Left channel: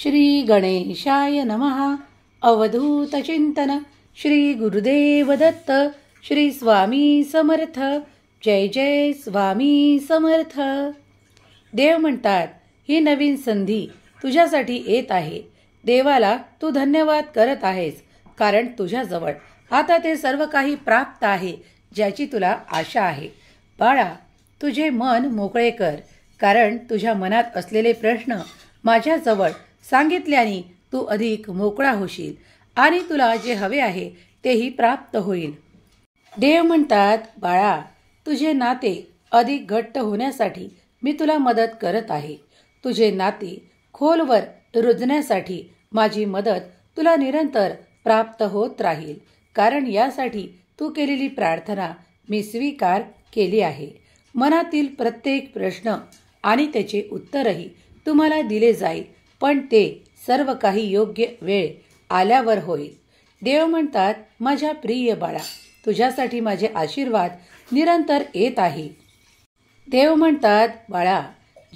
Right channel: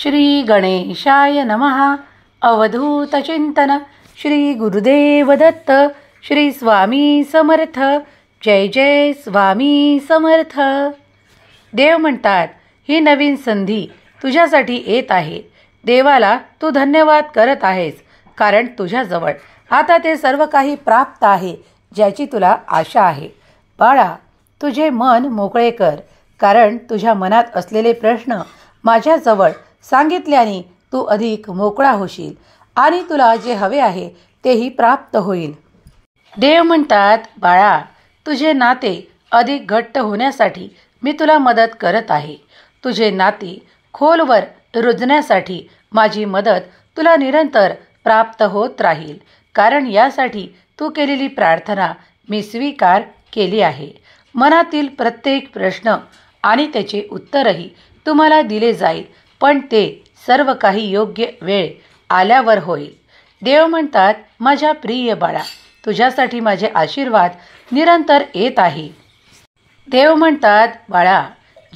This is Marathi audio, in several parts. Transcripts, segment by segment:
श्री गणेशाय नमः. अवधूत चिंतन. श्री गुरुदेव दत्त. श्री स्वामी समर्थ. जय जय स्वामी समर्थ. देव म्हणतात, ही नवीन संधी तुझ्यासाठी येत आहे. देवाला तू धन्यवाद करत आहेस, कारण तुझ्याजवळ आता ते सर्व काही प्राप्त आहे ज्याची तुला आशा आहे. बाळा, तुझे मन मोकळे कर, कारण तुझ्या मनात असलेले प्रश्न माझ्याजवळ सांगितल्याने तू अधिक मोकळा होशील आणि तुला जे हवे आहे तेही प्राप्त होईल. देव म्हणतात, बाळा, तुझे नाते अधिक घट्ट होण्यासाठी मी तुला मदत करत आहे. तुझे नाते खोलवर रुजण्यासाठी माझी मदत तुला निरंतर प्राप्त होत राहील, कारण यासाठी तू केलेली प्रार्थना मी स्वीकार केली आहे. मनातील प्रत्येक प्रश्न आणि त्याचे उत्तरही तुम्हाला दिले जाईल, पण ते सर्व काही योग्य वेळ आल्यावर होईल. देव म्हणतात, माझ्या प्रिय बाळा, तुझ्यासाठी माझे आशीर्वाद निरंतर येत आहे. देव म्हणतात, बाळा,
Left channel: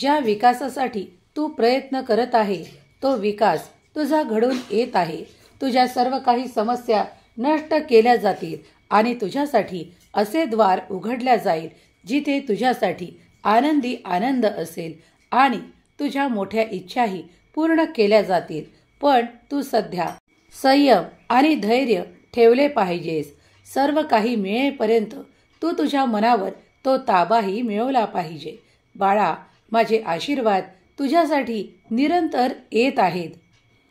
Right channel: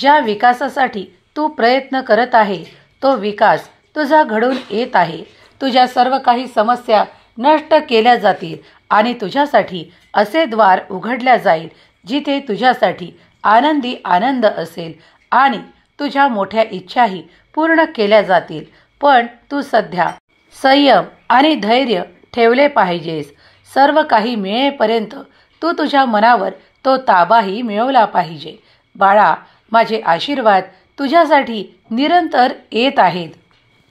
ज्या विकासासाठी तू प्रयत्न करत आहे तो विकास तुझा घडून येत आहे. तुझ्या सर्व काही समस्या नष्ट केल्या जातील आणि तुझ्यासाठी असे द्वार उघडल्या जाईल जिथे तुझ्यासाठी आनंदी आनंद असेल आणि तुझ्या मोठ्या इच्छाही पूर्ण केल्या जातील. पण तू सध्या संयम आणि धैर्य ठेवले पाहिजेस. सर्व काही मिळेपर्यंत तू तुझ्या मनावर तो ताबाही मिळवला पाहिजे. बाळा, माझे आशीर्वाद तुझ्यासाठी निरंतर येत आहेत.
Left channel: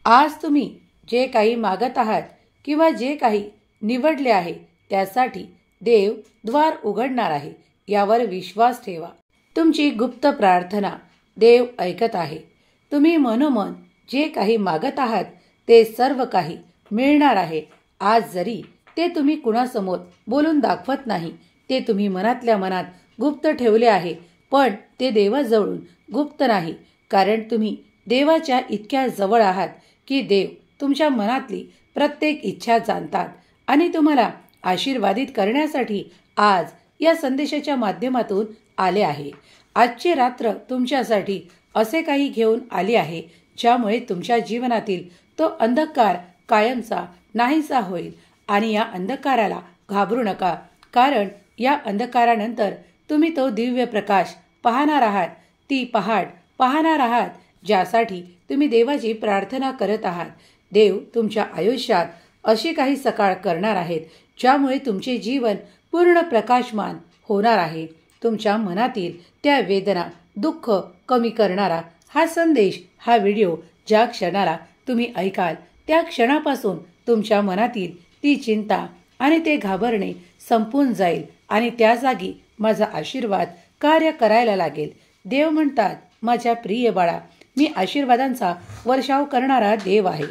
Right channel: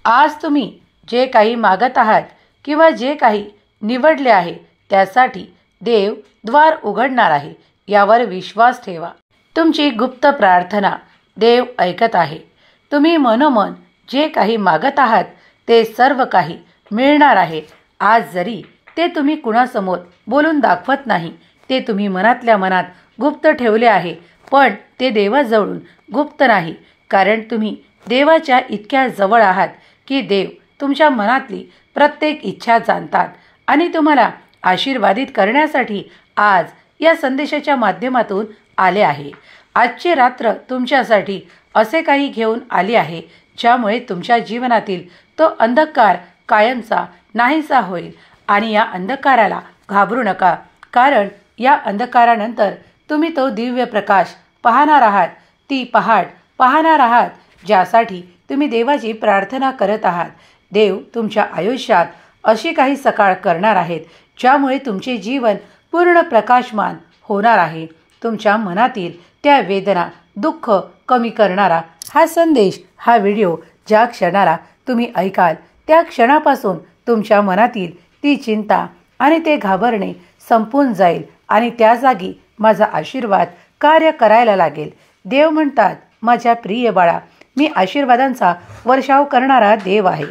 आज तुम्ही जे काही मागत आहात किंवा जे काही निवडले आहे त्यासाठी देव द्वार उघडणार आहे, यावर विश्वास ठेवा. तुमची गुप्त प्रार्थना देव ऐकत आहे. तुम्ही मनोमन जे काही मागत आहात ते सर्व काही मिळणार आहे. आज जरी ते तुम्ही कुणासमोर बोलून दाखवत नाही, ते तुम्ही मनातल्या मनात गुप्त ठेवले आहे, पण ते देवाजवळून गुप्त नाही, कारण तुम्ही देवाच्या इतक्या जवळ आहात की देव तुमच्या मनातली प्रत्येक इच्छा जाणतात आणि तुम्हाला आशीर्वादित करण्यासाठी आज या संदेशाच्या माध्यमातून आले आहे. आजची रात्र तुमच्यासाठी असे काही घेऊन आली आहे ज्यामुळे तुमच्या जीवनातील तो अंधकार कायमचा नाहीसा होईल. आणि या अंधकाराला घाबरू नका, कारण या अंधकारानंतर तुम्ही तो दिव्य प्रकाश पाहणार आहात. ती पहाट पाहणार आहात ज्यासाठी तुम्ही देवाची प्रार्थना करत आहात. देव तुमच्या आयुष्यात अशी काही सकाळ करणार आहेत ज्यामुळे तुमचे जीवन पूर्ण प्रकाशमान होणार आहे. तुमच्या मनातील त्या वेदना, दुःख कमी करणारा हा संदेश, हा व्हिडिओ ज्या क्षणाला तुम्ही ऐकाल त्या क्षणापासून तुमच्या मनातील ती चिंता आणि ते घाबरणे संपून जाईल आणि त्या जागी माझा आशीर्वाद कार्य करायला लागेल. देव म्हणतात, माझ्या प्रिय बाळा, मी आशीर्वादांचा वर्षाव करणारा देव आहे.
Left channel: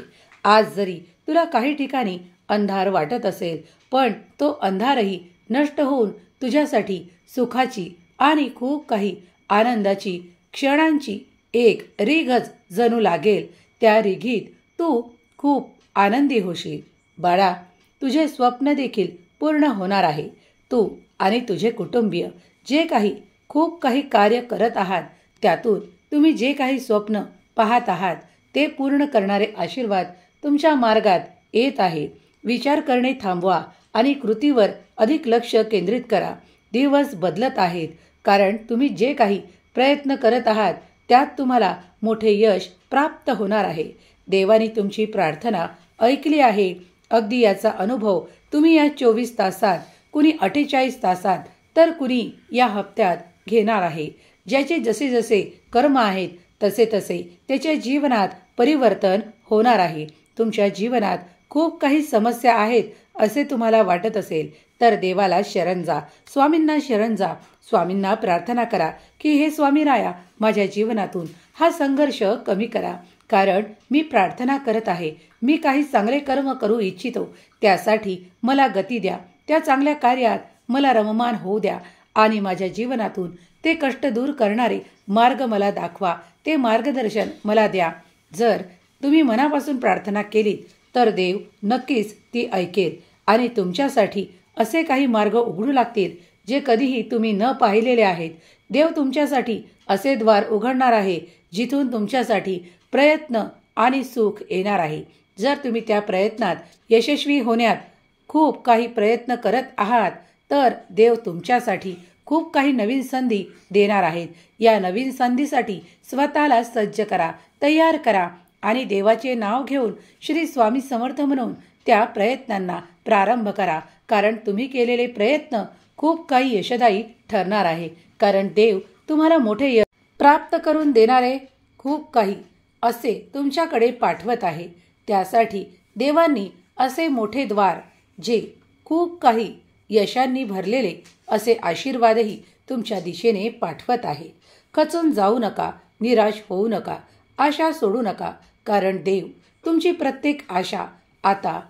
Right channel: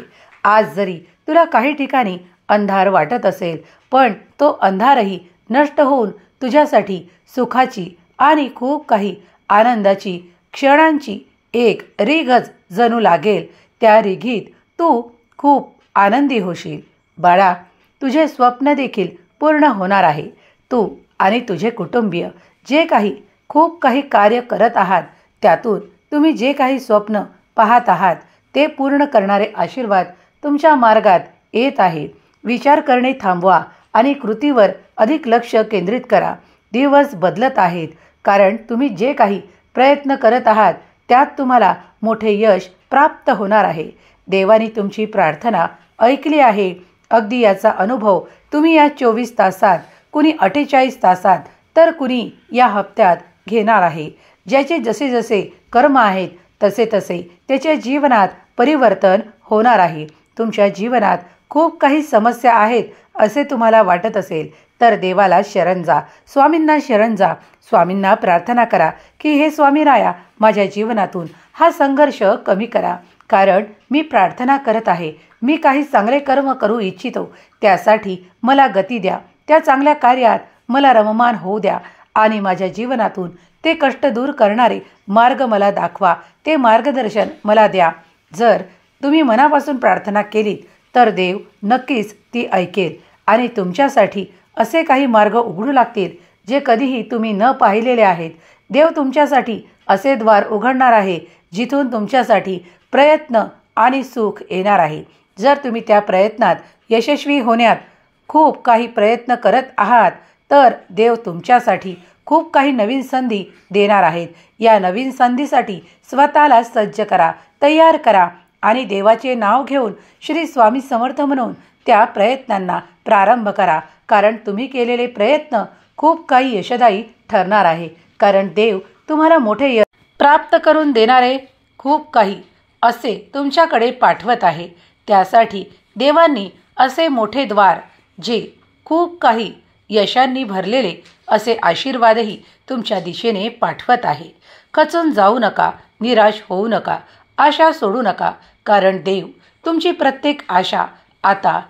आज जरी तुला काही ठिकाणी अंधार वाटत असेल, पण तो अंधारही नष्ट होऊन तुझ्यासाठी सुखाची आणि खूप काही आनंदाची क्षणांची एक रिघच जणू लागेल. त्या रिघीत तू खूप आनंदी होशील. बाळा, तुझे स्वप्न देखील पूर्ण होणार आहे. तू आणि तुझे कुटुंबीय जे काही खूप काही कार्य करत आहात, त्यातून तुम्ही जे काही स्वप्न पाहत आहात ते पूर्ण करणारे आशीर्वाद तुमच्या मार्गात येत आहे. विचार करणे थांबवा आणि कृतीवर अधिक लक्ष केंद्रित करा. दिवस बदलत आहेत, कारण तुम्ही जे काही प्रयत्न करत आहात त्यात तुम्हाला मोठे यश प्राप्त होणार आहे. देवाने तुमची प्रार्थना ऐकली आहे. अगदी याचा अनुभव तुम्ही या 24 तासात, कुणी 48 तासात, तर कुणी या हप्त्यात घेणार आहे. ज्याचे जसे जसे कर्म आहेत तसे तसे त्याच्या जीवनात परिवर्तन होणार आहे. तुमच्या जीवनात खूप काही समस्या आहेत असे तुम्हाला वाटत असेल तर देवाला शरण जा, स्वामींना शरण जा. स्वामींना प्रार्थना करा की हे स्वामीराया, माझ्या जीवनातून हा संघर्ष कमी करा, कारण मी प्रार्थना करत आहे. मी काही चांगले कर्म करू इच्छितो, त्यासाठी मला गती द्या. त्या चांगल्या कार्यात मला रममान होऊ द्या आणि माझ्या जीवनातून ते कष्ट दूर करणारे मार्ग मला दाखवा. ते मार्गदर्शन मला द्या. जर तुम्ही मनापासून प्रार्थना केली तर देव नक्कीच ती ऐकेल आणि तुमच्यासाठी असे काही मार्ग उघडू लागतील जे कधीही तुम्ही न पाहिलेले आहेत. देव तुमच्यासाठी असे द्वार उघडणार आहे जिथून तुमच्यासाठी प्रयत्न आणि सुख येणार आहे. जर तुम्ही त्या प्रयत्नात यशस्वी होण्यात खूप काही प्रयत्न करत आहात तर देव तुमच्यासाठी खूप काही नवीन संधी देणार आहेत. या नवीन संधीसाठी स्वतःला सज्ज करा, तयार करा आणि देवाचे नाव घेऊन श्री स्वामी समर्थ म्हणून त्या प्रयत्नांना प्रारंभ करा. कारण तुम्ही केलेले प्रयत्न खूप काही यशदायी ठरणार आहे. कारण देव तुम्हाला मोठे यश प्राप्त करून देणारे खूप काही असे तुमच्याकडे पाठवत आहे. त्यासाठी देवांनी असे मोठे द्वार जे खूप काही यशांनी भरलेले असे आशीर्वादही तुमच्या दिशेने पाठवत आहे. खचून जाऊ नका, निराश होऊ नका, आशा सोडू नका. कारण देव तुमची प्रत्येक आशा आता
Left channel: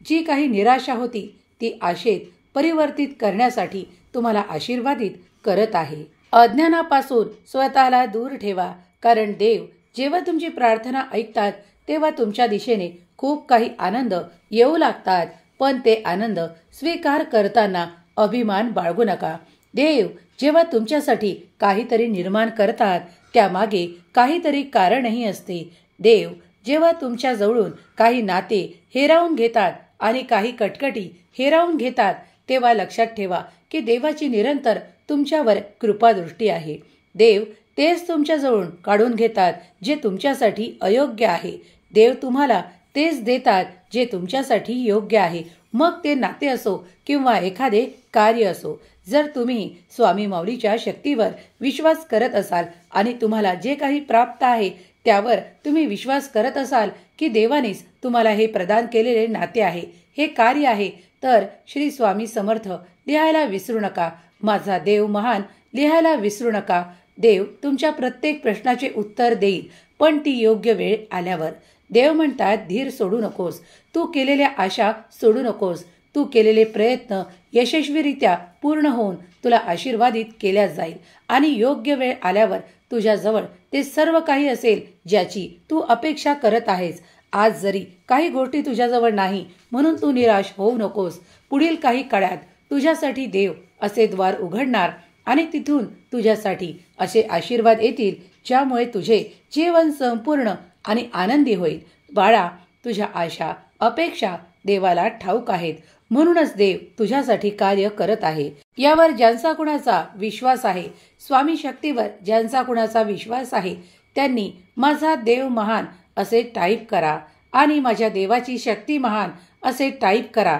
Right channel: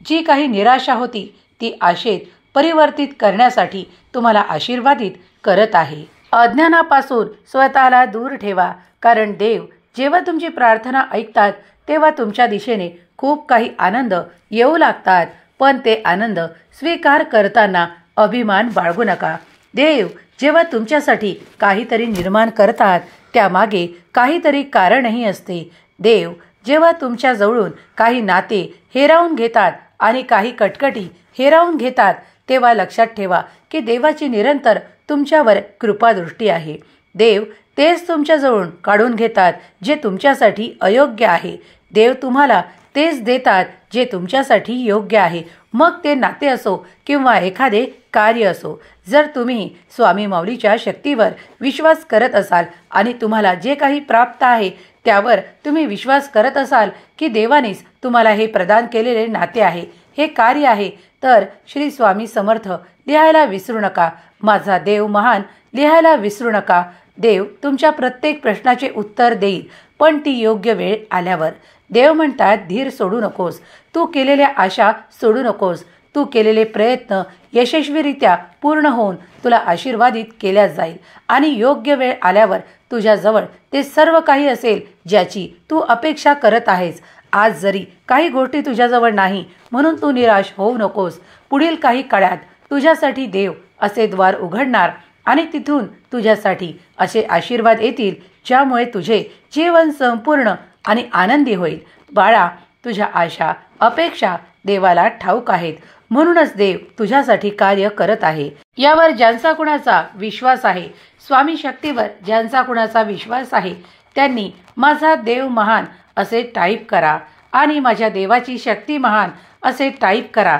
जी काही निराशा होती ती आशेत परिवर्तित करण्यासाठी तुम्हाला आशीर्वादित करत आहे. अज्ञानापासून स्वतःला दूर ठेवा. कारण देव जेव्हा तुमची प्रार्थना ऐकतात तेव्हा तुमच्या दिशेने खूप काही आनंद येऊ लागतात. पण ते आनंद स्वीकार करताना अभिमान बाळगू नका. देव जेव्हा तुमच्यासाठी काहीतरी निर्माण करतात त्यामागे काहीतरी कारणही असते. देव जेव्हा तुमच्या जवळून काही नाते हिरावून घेतात आणि काही कटकटी हिरावून घेतात तेव्हा लक्षात ठेवा की देवाची निरंतर तुमच्यावर कृपादृष्टी आहे. देव तेच तुमच्याजवळून काढून घेतात जे तुमच्यासाठी अयोग्य आहे. देव तुम्हाला तेच देतात जे तुमच्यासाठी योग्य आहे. मग ते नाते असो किंवा एखादे कार्य असो. जर तुम्ही स्वामी माऊलीच्या शक्तीवर विश्वास करत असाल आणि तुम्हाला जे काही प्राप्त आहे त्यावर तुम्ही विश्वास करत असाल की देवानेच तुम्हाला हे प्रदान केलेले नाते आहे, हे कार्य आहे, तर श्री स्वामी समर्थ लिहायला विसरू नका. माझा देव महान लिहायला विसरू नका. देव तुमच्या प्रत्येक प्रश्नाचे उत्तर देईल, पण ती योग्य वेळ आल्यावर. देव म्हणतात धीर सोडू नकोस, तू केलेल्या आशा सोडू नकोस. तू केलेले प्रयत्न यशस्वीरित्या पूर्ण होऊन तुला आशीर्वादित केल्या जाईल आणि योग्य वेळ आल्यावर तुझ्याजवळ ते सर्व काही असेल ज्याची तू अपेक्षा करत आहेस. आज जरी काही गोष्टी तुझ्याजवळ नाही म्हणून तू निराश होऊ नकोस. पुढील काही काळात तुझ्यासाठी देव असे द्वार उघडणार आणि तिथून तुझ्यासाठी असे आशीर्वाद येतील ज्यामुळे तुझे जीवन संपूर्ण आणि आनंदी होईल. बाळा, तुझ्या आशा अपेक्षा देवाला ठाऊक आहेत, म्हणूनच देव तुझ्यासाठी कार्य करत आहे. यावर ज्यांचा कुणाचा विश्वास आहे, स्वामी शक्तीवर ज्यांचा कुणाचा विश्वास आहे, त्यांनी माझा देव महान असे टाईप करा आणि माझ्या देवाची शक्ती महान असे टाईप करा.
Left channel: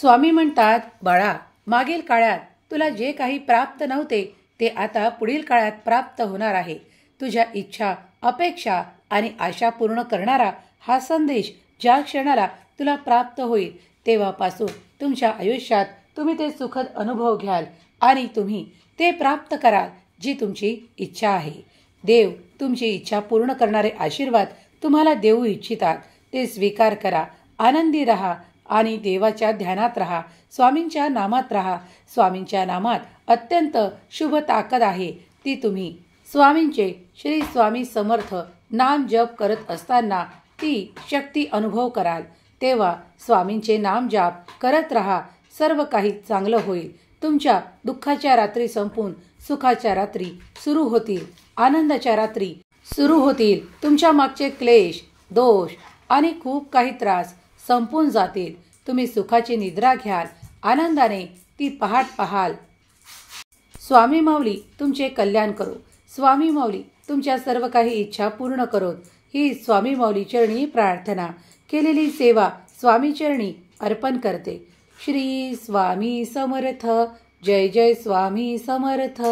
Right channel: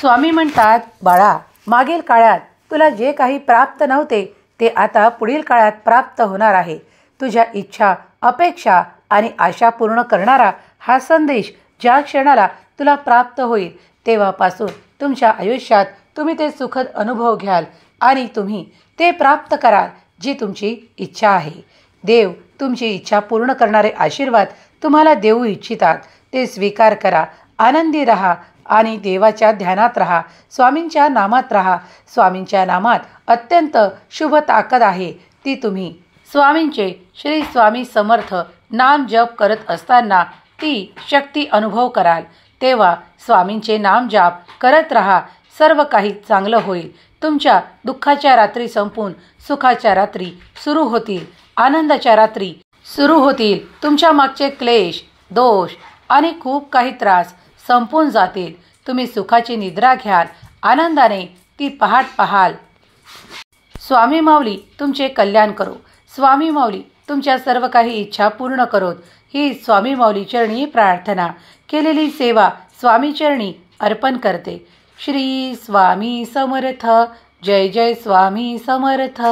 स्वामी म्हणतात, बाळा, मागील काळात तुला जे काही प्राप्त नव्हते ते आता पुढील काळात प्राप्त होणार आहे. तुझ्या इच्छा, अपेक्षा आणि आशा पूर्ण करणारा हा संदेश ज्या क्षणाला तुला प्राप्त होईल तेव्हापासून तुमच्या आयुष्यात तुम्ही ते सुखद अनुभव घ्याल आणि तुम्ही ते प्राप्त कराल जी तुमची इच्छा आहे. देव तुमची इच्छा पूर्ण करणारे आशीर्वाद तुम्हाला देऊ इच्छितात. ते स्वीकार करा. आनंदी राहा आणि देवाच्या ध्यानात राहा. स्वामींच्या नामात राहा. स्वामींच्या नामात अत्यंत शुभ ताकद आहे. ती तुम्ही स्वामींचे श्री स्वामी समर्थ नाम जप करत असताना ती शक्ती अनुभव कराल. तेव्हा स्वामींचे नाम जाप करत राहा. सर्व काही चांगलं होईल. तुमच्या दुःखाच्या रात्री संपून सुखाच्या रात्री सुरू होतील. आनंदाच्या रात्री सुरू होतील. तुमच्या मागचे क्लेश, दोष आणि खूप काही त्रास संपून जातील. तुम्ही सुखाची निद्रा घ्याल. आनंदाने ती पहाट पाहाल. स्वामी माऊली तुमचे कल्याण करो. स्वामी माऊली तुमच्या सर्व काही इच्छा पूर्ण करोत. ही स्वामी माऊली चरणी प्रार्थना. केलेली सेवा स्वामी चरणी अर्पण करते. श्री स्वामी समर्थ. जय जय स्वामी समर्थ.